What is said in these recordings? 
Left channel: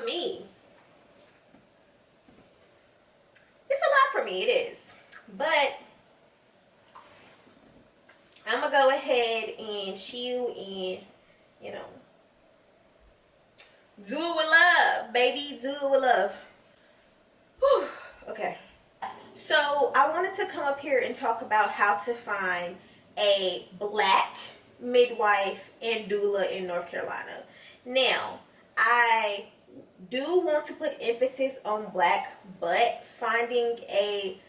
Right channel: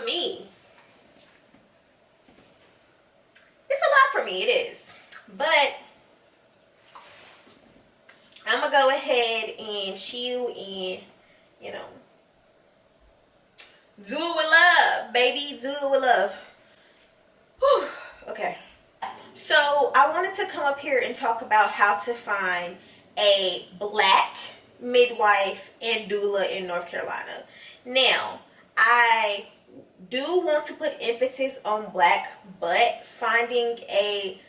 for me. It's a lot for me, it is. But I'm gonna go ahead and chill and, you know, do it with love, baby. Do it with love. Whew. Okay. So I wanted to come up here and talk about how to find a black midwife and doula in North Carolina. Now, I do want to put emphasis on black, but finding a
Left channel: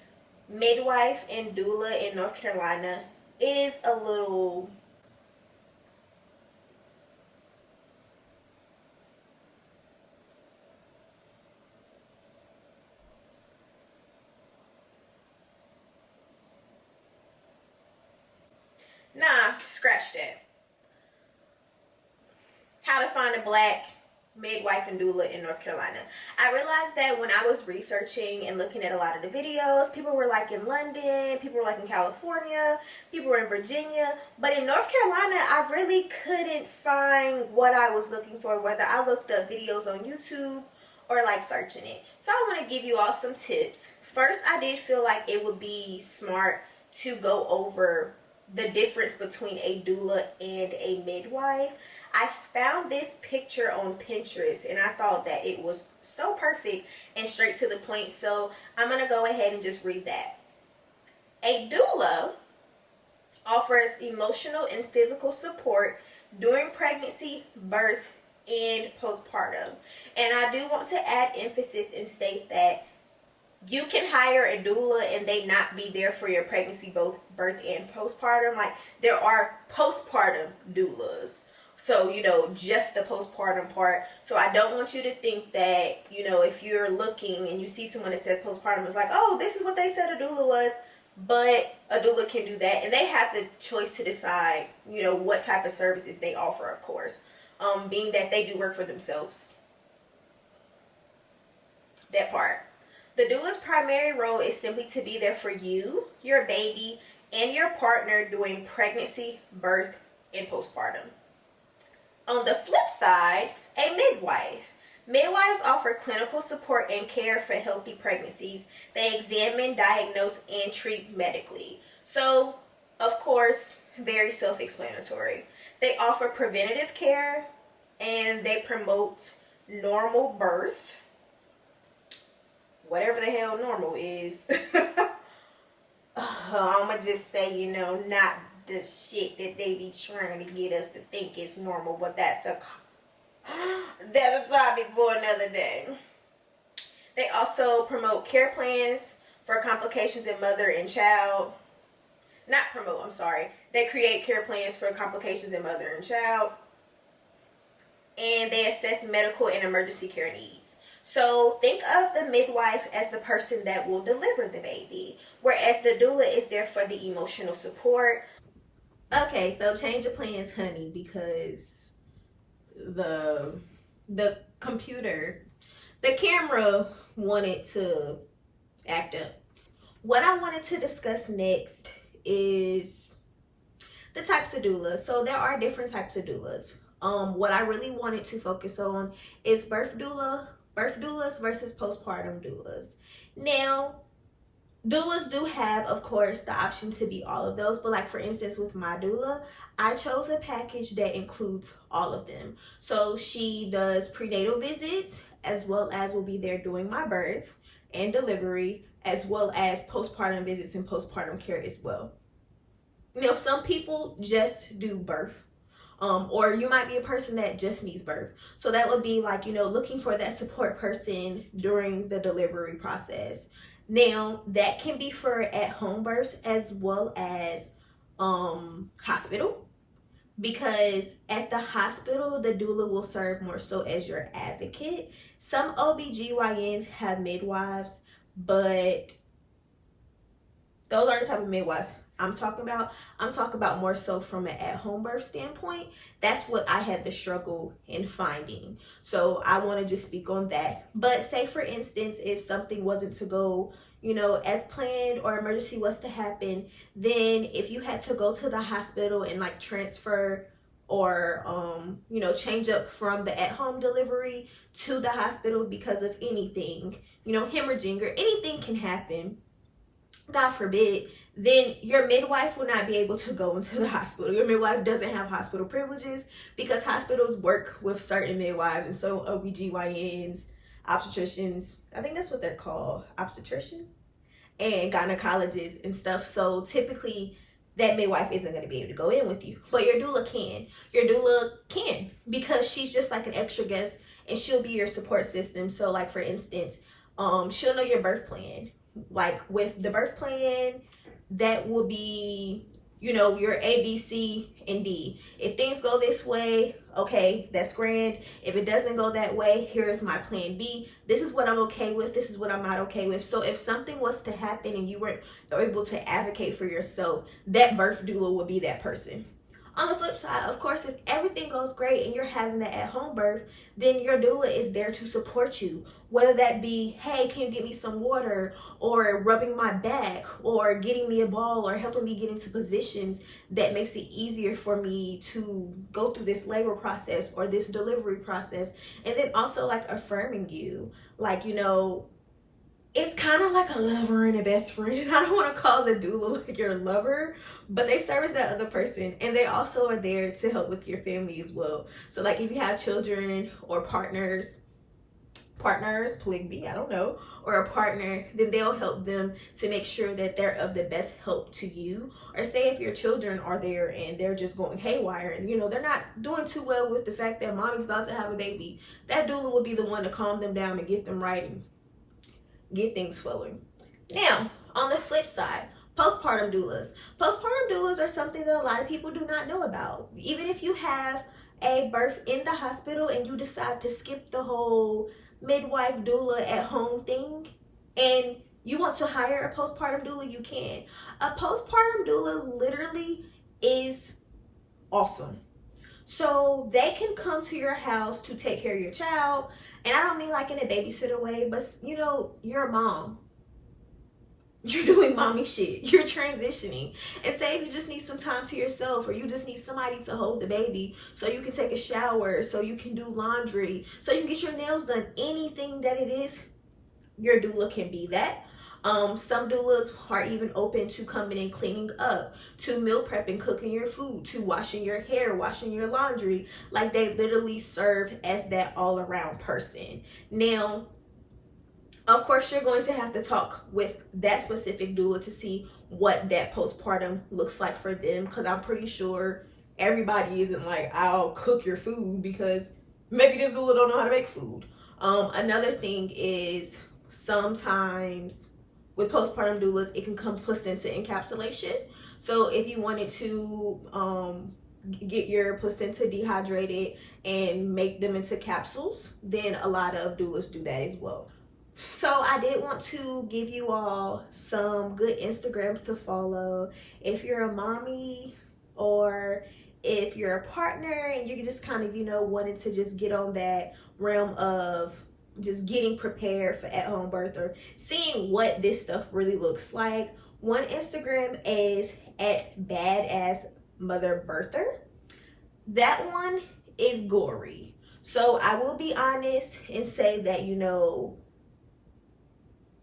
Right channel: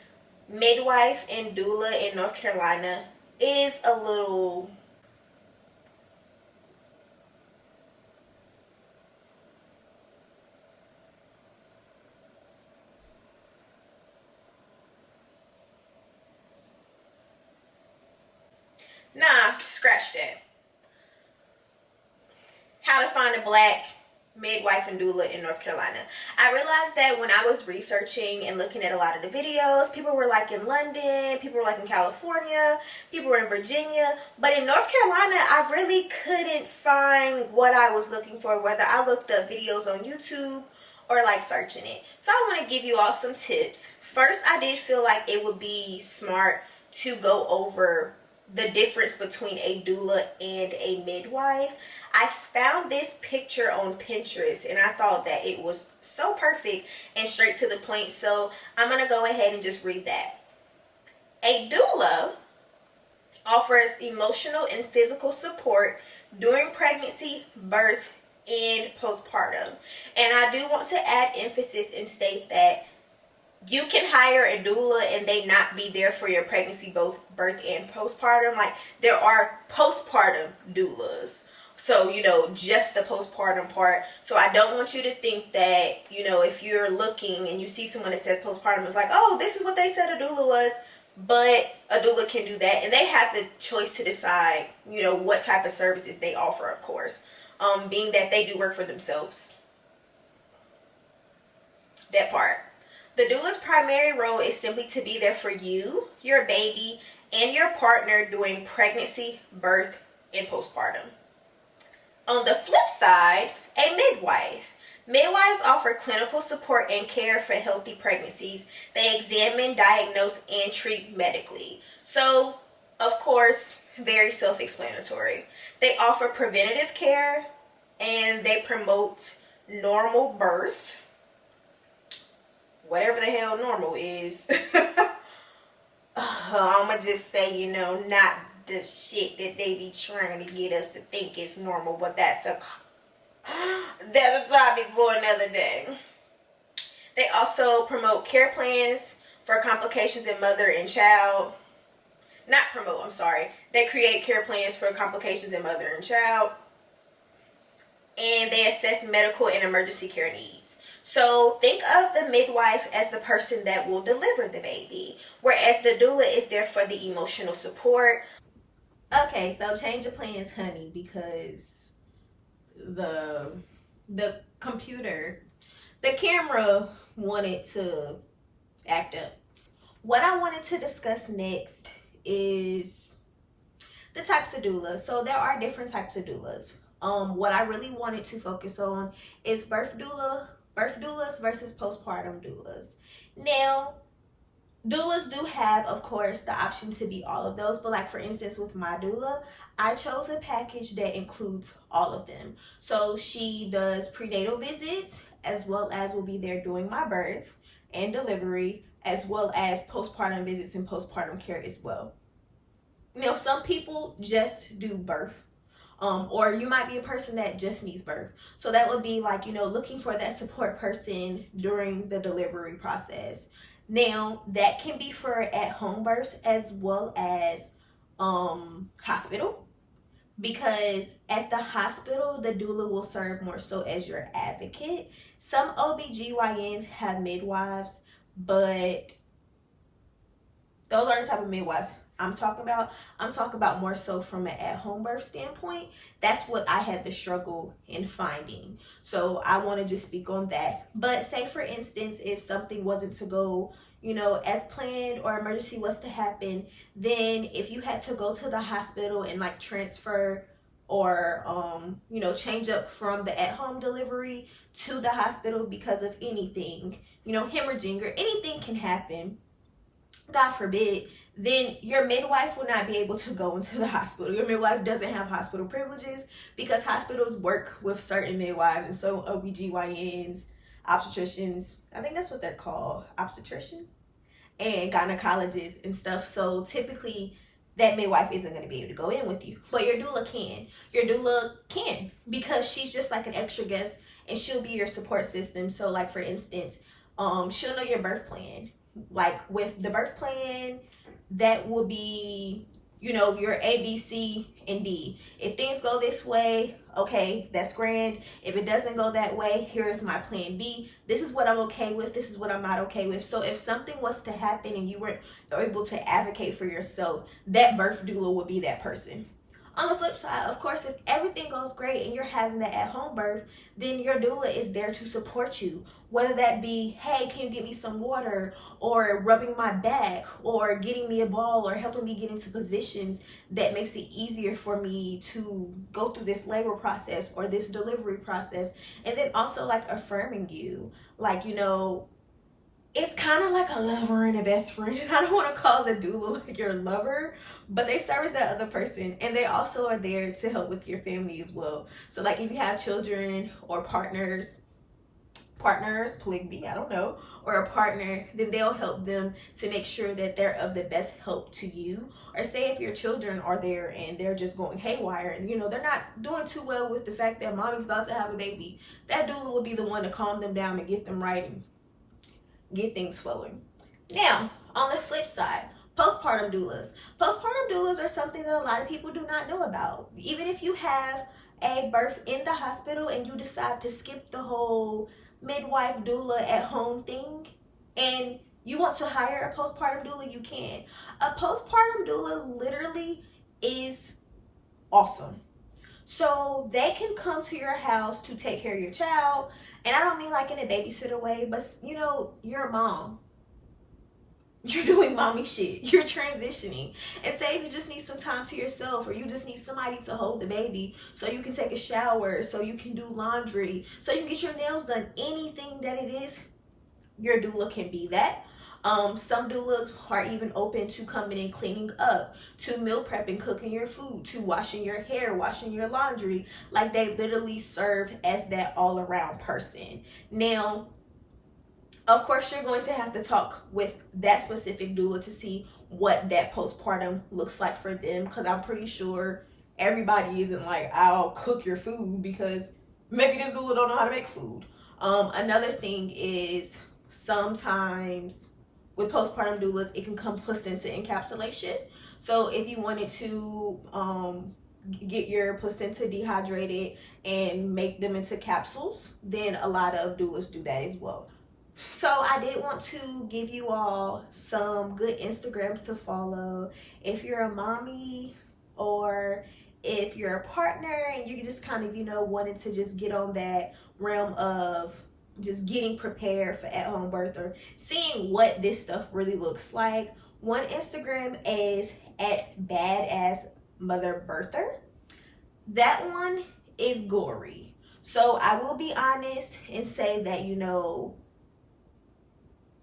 midwife and doula in North Carolina is a little scratch that. How to find a black midwife and doula in North Carolina. I realized that when I was researching and looking at a lot of the videos, people were like in London, people were like in California, people were in Virginia, but in North Carolina, I really couldn't find what I was looking for, whether I looked up videos on YouTube or like searching it. So I want to give you all some tips. First, I did feel like it would be smart to go over the difference between a doula and a midwife. I found this picture on Pinterest and I thought that it was so perfect and straight to the point. So I'm going to go ahead and just read that. A doula offers emotional and physical support during pregnancy, birth, and postpartum. And I do want to add emphasis and state that you can hire a doula and they not be there for your pregnancy, both birth and postpartum. Like, there are postpartum doulas. So, you know, just the postpartum part. So I don't want you to think that, you know, if you're looking and you see someone that says postpartum, it's like, oh, this is what they said a doula was. But a doula can do that. And they have the choice to decide, you know, what type of services they offer, of course. Being that they do work for themselves. That part. The doula's primary role is simply to be there for you, your baby, and your partner during pregnancy, birth, and postpartum. On the flip side, a midwife. Midwives offer clinical support and care for healthy pregnancies. They examine, diagnose, and treat medically. So, of course, very self-explanatory. They offer preventative care and they promote normal birth. Whatever the hell normal is. I'm going to just say, you know, not the shit that they be trying to get us to think is normal, but that's a topic for another day. They also promote care plans for complications in mother and child. Not promote, I'm sorry. They create care plans for complications in mother and child. And they assess medical and emergency care needs. So think of the midwife as the person that will deliver the baby, whereas the doula is there for the emotional support. Okay, so change of plans, honey, because the computer, the camera wanted to act up. What I wanted to discuss next is the types of doulas. So there are different types of doulas. What I really wanted to focus on is birth doulas versus postpartum doulas. Now, doulas do have, of course, the option to be all of those, but like for instance with my doula, I chose a package that includes all of them. So she does prenatal visits as well as will be there doing my birth and delivery, as well as postpartum visits and postpartum care as well. Now, some people just do birth. Or you might be a person that just needs birth. So that would be like, you know, looking for that support person during the delivery process. Now, that can be for at-home births as well as hospital. Because at the hospital, the doula will serve more so as your advocate. Some OBGYNs have midwives, but those are the type of midwives I'm talking about. I'm talking about more so from an at-home birth standpoint. That's what I had the struggle in finding. So I want to just speak on that. But say for instance, if something wasn't to go, you know, as planned, or emergency was to happen, then if you had to go to the hospital and like transfer or you know, change up from the at-home delivery to the hospital because of anything, you know, hemorrhaging or anything can happen, God forbid, then your midwife will not be able to go into the hospital. Your midwife doesn't have hospital privileges because hospitals work with certain midwives, and so OBGYNs, obstetricians, I think that's what they're called, obstetrician, and gynecologists and stuff. So typically that midwife isn't going to be able to go in with you, but your doula can. Your doula can, because she's just like an extra guest, and she'll be your support system. So like, for instance, she'll know your birth plan. Like with the birth plan, that will be, you know, your A, B, C, and D. If things go this way, okay, that's grand. If it doesn't go that way, here's my plan B. This is what I'm okay with. This is what I'm not okay with. So if something was to happen and you weren't able to advocate for yourself, that birth doula would be that person. On the flip side, of course, if everything goes great and you're having that at-home birth, then your doula is there to support you. Whether that be, hey, can you get me some water, or rubbing my back, or getting me a ball, or helping me get into positions that makes it easier for me to go through this labor process or this delivery process. And then also like affirming you, like, you know, it's kind of like a lover and a best friend. And I don't want to call the doula like your lover, but they serve as that other person. And they also are there to help with your family as well. So like if you have children or partners, polygamy, I don't know, or a partner, then they'll help them to make sure that they're of the best help to you. Or say if your children are there and they're just going haywire and, you know, they're not doing too well with the fact that mommy's about to have a baby, that doula will be the one to calm them down and get them right and get things flowing. Now, on the flip side, postpartum doulas. Postpartum doulas are something that a lot of people do not know about. Even if you have a birth in the hospital and you decide to skip the whole midwife doula at home thing and you want to hire a postpartum doula, you can. A postpartum doula literally is awesome. So they can come to your house to take care of your child. And I don't mean like in a babysitter way, but you know, you're a mom. You're doing mommy shit. You're transitioning. And say if you just need some time to yourself, or you just need somebody to hold the baby so you can take a shower, so you can do laundry, so you can get your nails done, anything that it is, your doula can be that. Some doulas are even open to coming and cleaning up, to meal prepping, cooking your food, to washing your hair, washing your laundry. Like they literally serve as that all around person. Now, of course, you're going to have to talk with that specific doula to see what that postpartum looks like for them, because I'm pretty sure everybody isn't like, I'll cook your food, because maybe this doula don't know how to make food. Another thing is sometimes with postpartum doulas, it can come placenta encapsulation. So if you wanted to get your placenta dehydrated and make them into capsules, then a lot of doulas do that as well. So I did want to give you all some good Instagrams to follow if you're a mommy, or if you're a partner and you just kind of, you know, wanted to just get on that realm of just getting prepared for at-home birth, or seeing what this stuff really looks like. One Instagram is at Badass Mother Birther. That one is gory. So I will be honest and say that, you know,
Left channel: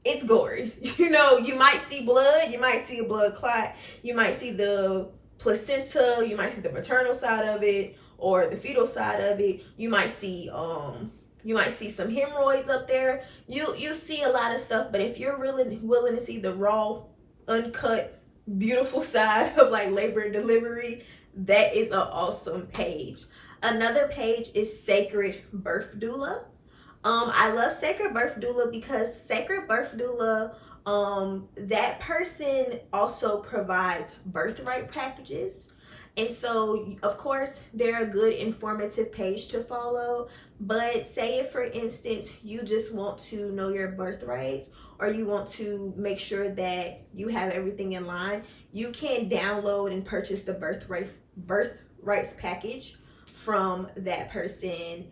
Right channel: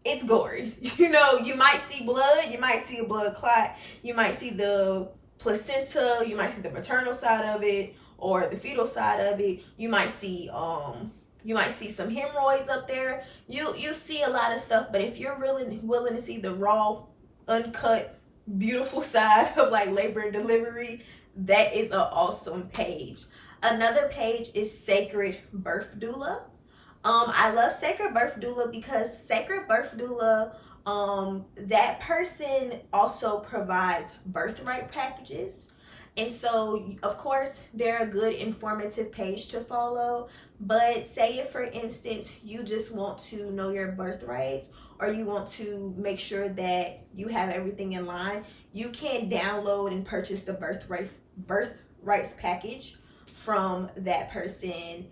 it's gory. You know, you might see blood, you might see a blood clot, you might see the placenta, you might see the maternal side of it or the fetal side of it. You might see some hemorrhoids up there. You see a lot of stuff, but if you're really willing to see the raw, uncut, beautiful side of like labor and delivery, that is an awesome page. Another page is Sacred Birth Doula. I love Sacred Birth Doula because Sacred Birth Doula, that person also provides birthright packages. And so, of course, they're a good informative page to follow. But say if, for instance, you just want to know your birthrights, or you want to make sure that you have everything in line, you can download and purchase the birthrights package from that person.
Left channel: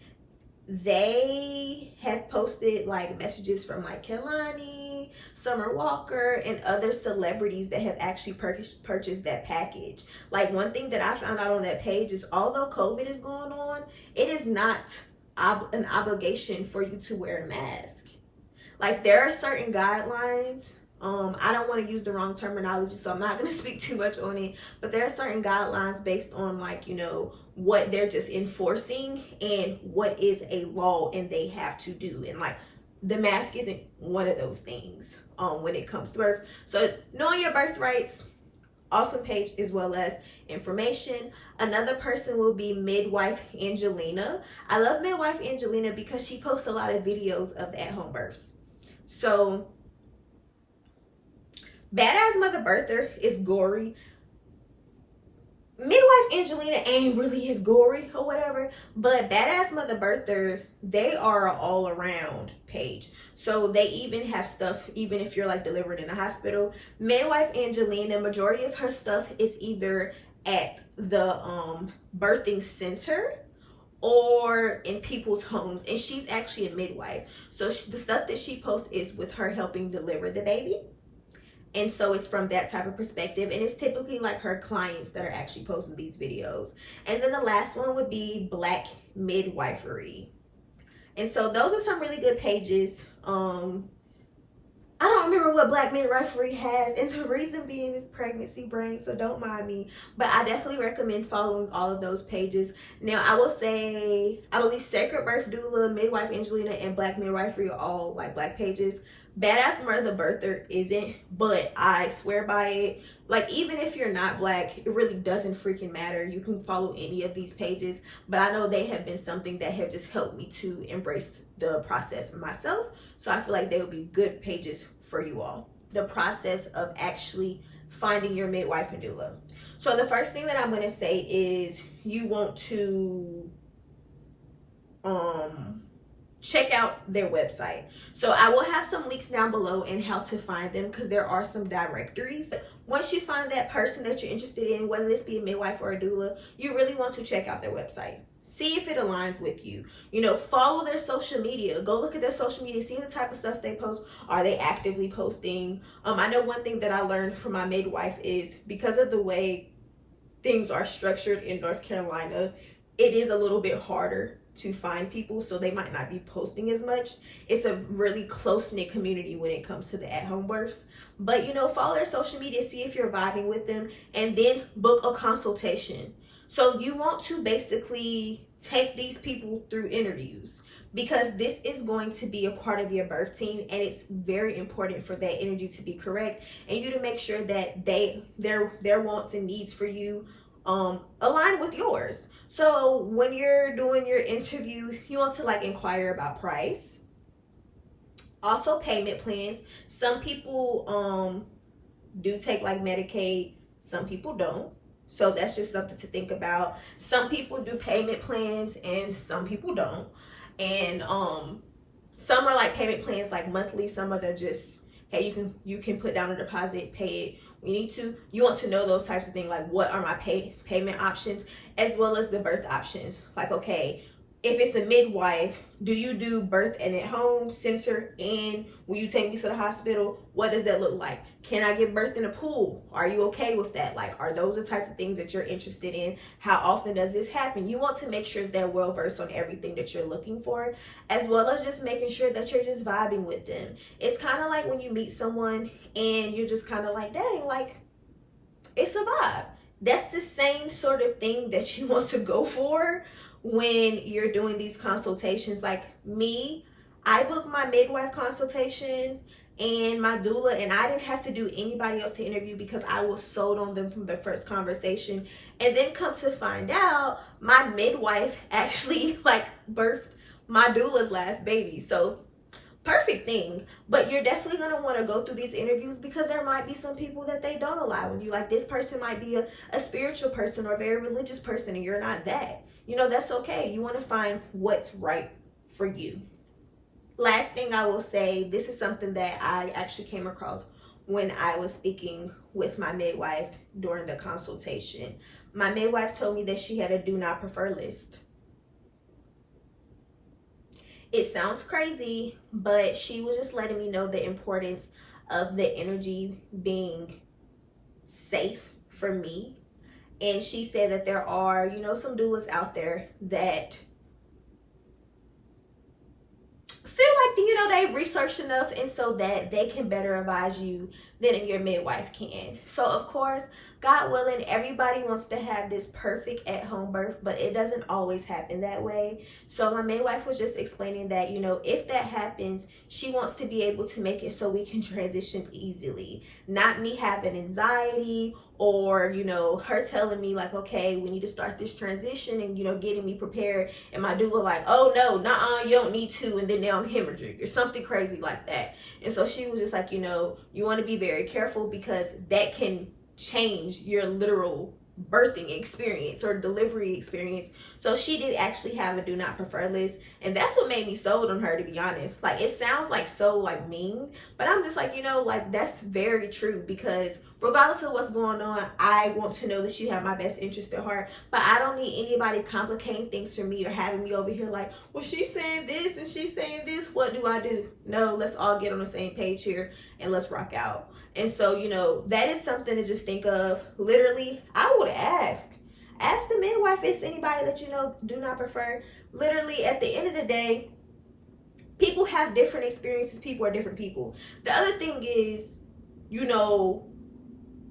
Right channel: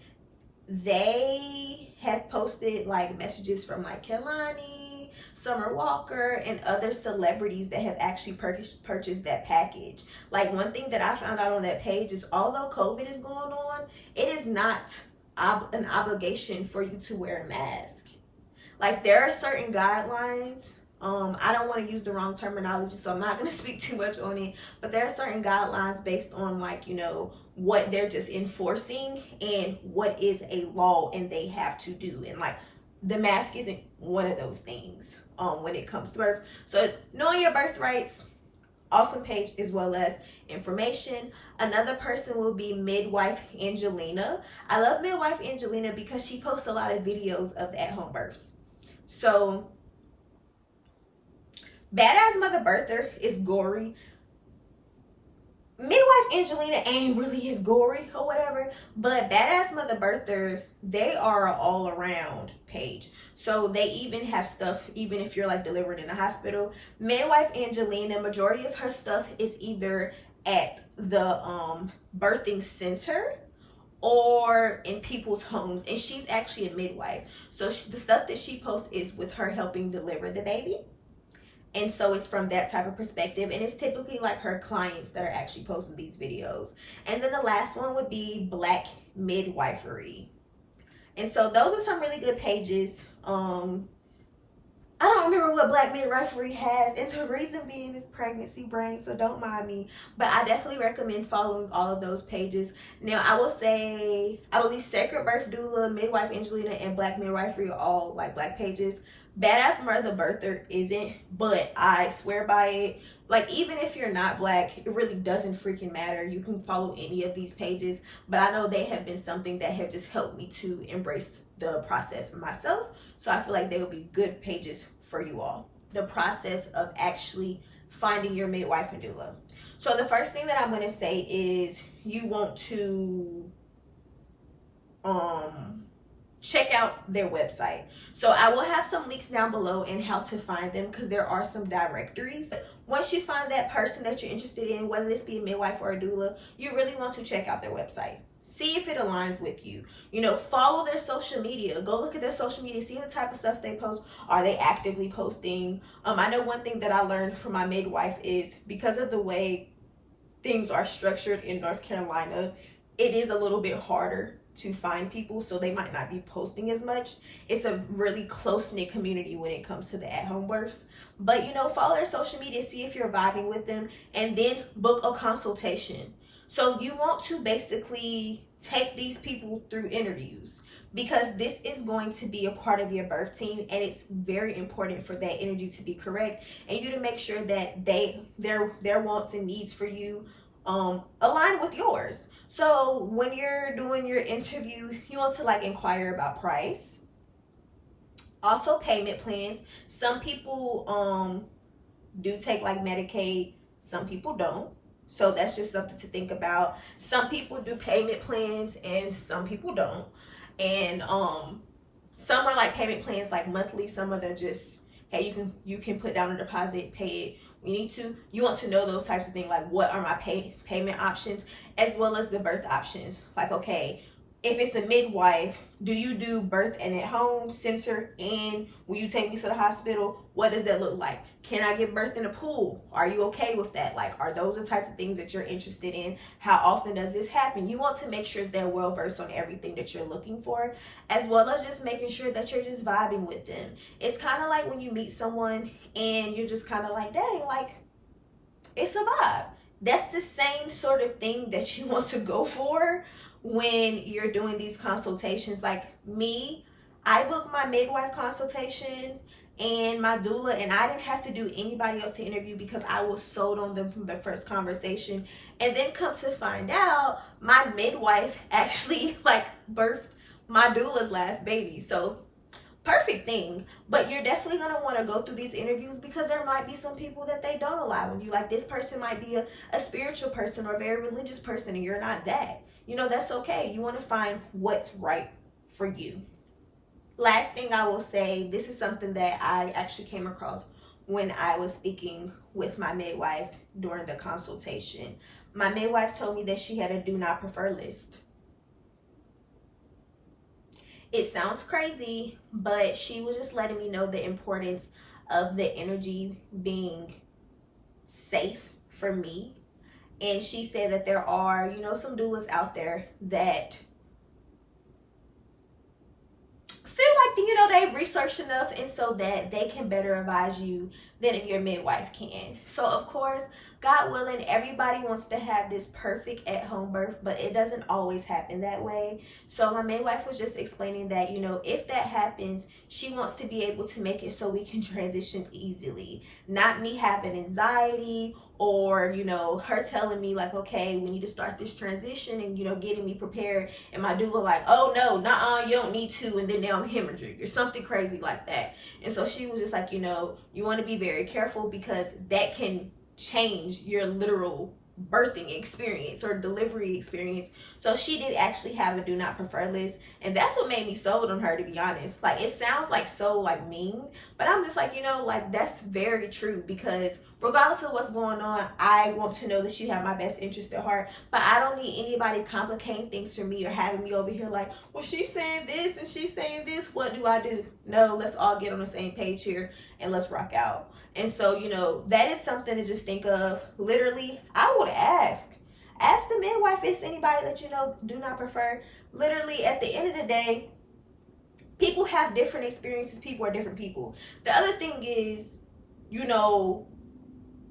They have posted like messages from like Kelani, Summer Walker, and other celebrities that have actually purchased that package. Like, one thing that I found out on that page is, although COVID is going on, it is not an obligation for you to wear a mask. Like, there are certain guidelines. I don't want to use the wrong terminology, so I'm not going to speak too much on it, but there are certain guidelines based on, like, you know, what they're just enforcing and what is a law and they have to do. And like, the mask isn't one of those things when it comes to birth. So knowing your birth rights, awesome page, as well as information. Another person will be Midwife Angelina. I love Midwife Angelina because she posts a lot of videos of at-home births. So Badass Mother Birther is gory. Midwife Angelina ain't really as gory or whatever, but Badass Mother Birther, they are an all around page. So they even have stuff, even if you're like delivering in a hospital. Midwife Angelina, majority of her stuff is either at the birthing center or in people's homes, and she's actually a midwife. So the stuff that she posts is with her helping deliver the baby. And so it's from that type of perspective, and it's typically like her clients that are actually posting these videos. And then the last one would be Black Midwifery. And so those are some really good pages. I don't remember what Black Midwifery has, and the reason being is pregnancy brain, so don't mind me. But I definitely recommend following all of those pages. Now, I will say, I believe Sacred Birth Doula, Midwife Angelina, and Black Midwifery are all like Black pages. Badass Mother Birther isn't, but I swear by it. Like, even if you're not Black, it really doesn't freaking matter. You can follow any of these pages, but I know they have been something that have just helped me to embrace the process myself. So I feel like they will be good pages for you all. The process of actually finding your midwife and doula. So the first thing that I'm going to say is you want to check out their website. So I will have some links down below in how to find them, because there are some directories. Once you find that person that you're interested in, whether this be a midwife or a doula, you really want to check out their website. See if it aligns with you. You know, follow their social media. Go look at their social media. See the type of stuff they post. Are they actively posting? I know one thing that I learned from my midwife is, because of the way things are structured in North Carolina, it is a little bit harder to find people, so they might not be posting as much. It's a really close-knit community when it comes to the at-home births. But, you know, follow their social media, see if you're vibing with them, and then book a consultation. So you want to basically take these people through interviews, because this is going to be a part of your birth team, and it's very important for that energy to be correct and you to make sure that their wants and needs for you align with yours. So when you're doing your interview, you want to like inquire about price, also payment plans. Some people do take like Medicaid, some people don't. So that's just something to think about. Some people do payment plans and some people don't. And some are like payment plans like monthly, some of them just, hey, you can put down a deposit, pay it. You want to know those types of things, like what are my payment options, as well as the birth options. Like, okay, if it's a midwife, do you do birth and at home center, and will you take me to the hospital? What does that look like? Can I give birth in a pool? Are you okay with that? Like, are those the types of things that you're interested in? How often does this happen? You want to make sure they're well versed on everything that you're looking for, as well as just making sure that you're just vibing with them. It's kind of like when you meet someone and you're just kind of like, dang, like, it's a vibe. That's the same sort of thing that you want to go for when you're doing these consultations. Like me, I booked my midwife consultation and my doula, and I didn't have to do anybody else to interview because I was sold on them from the first conversation. And then come to find out, my midwife actually like birthed my doula's last baby. So perfect thing. But you're definitely going to want to go through these interviews, because there might be some people that they don't allow in you. Like, this person might be a spiritual person or a very religious person, and you're not that. You know, that's okay. You want to find what's right for you. Last thing I will say, this is something that I actually came across when I was speaking with my midwife during the consultation. My midwife told me that she had a do not prefer list. It sounds crazy, but she was just letting me know the importance of the energy being safe for me. And she said that there are, you know, some doulas out there that feel like, you know, they've researched enough, and so that they can better advise you than your midwife can. So of course, God willing, everybody wants to have this perfect at-home birth, but it doesn't always happen that way. So my midwife was just explaining that, you know, if that happens, she wants to be able to make it so we can transition easily. Not me having anxiety, or, you know, her telling me like, okay, we need to start this transition, and, you know, getting me prepared, and my doula like, oh no, nah, you don't need to, and then now I'm hemorrhaging or something crazy like that. And so she was just like, you know, you want to be very careful, because that can change your literal birthing experience or delivery experience. So she did actually have a do not prefer list, and that's what made me sold on her, to be honest. Like, it sounds like so like mean, but I'm just like, you know, like, that's very true, because regardless of what's going on, I want to know that you have my best interest at heart. But I don't need anybody complicating things for me or having me over here like, well, she's saying this and she's saying this, what do I do? No, let's all get on the same page here and let's rock out. And so, you know, that is something to just think of. Literally, I would ask the midwife if it's anybody that, you know, do not prefer. Literally, at the end of the day, people have different experiences. People are different people. The other thing is, you know,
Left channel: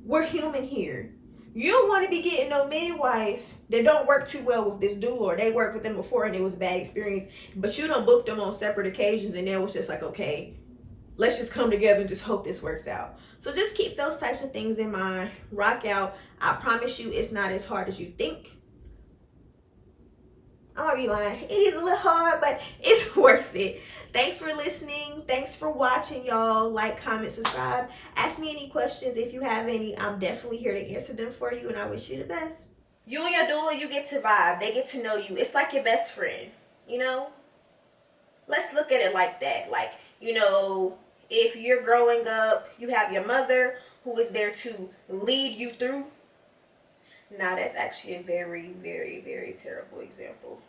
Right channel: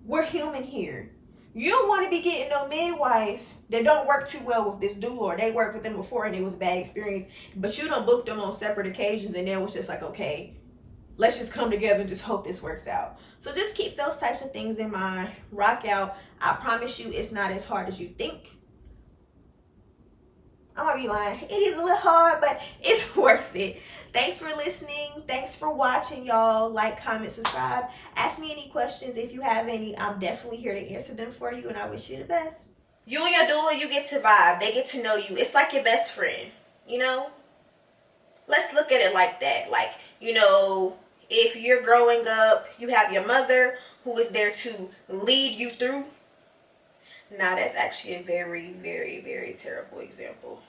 we're human here. You don't want to be getting no midwife that don't work too well with this doula, or they worked with them before and it was a bad experience, but you don't book them on separate occasions, and then it was just like, okay, let's just come together and just hope this works out. So just keep those types of things in mind. Rock out. I promise you, it's not as hard as you think. I might be lying. It is a little hard, but it's worth it. Thanks for listening. Thanks for watching, y'all. Like, comment, subscribe. Ask me any questions if you have any. I'm definitely here to answer them for you, and I wish you the best. You and your doula, you get to vibe. They get to know you. It's like your best friend, you know? Let's look at it like that. Like, you know, if you're growing up, you have your mother who is there to lead you through. Now, that's actually a very, very, very terrible example.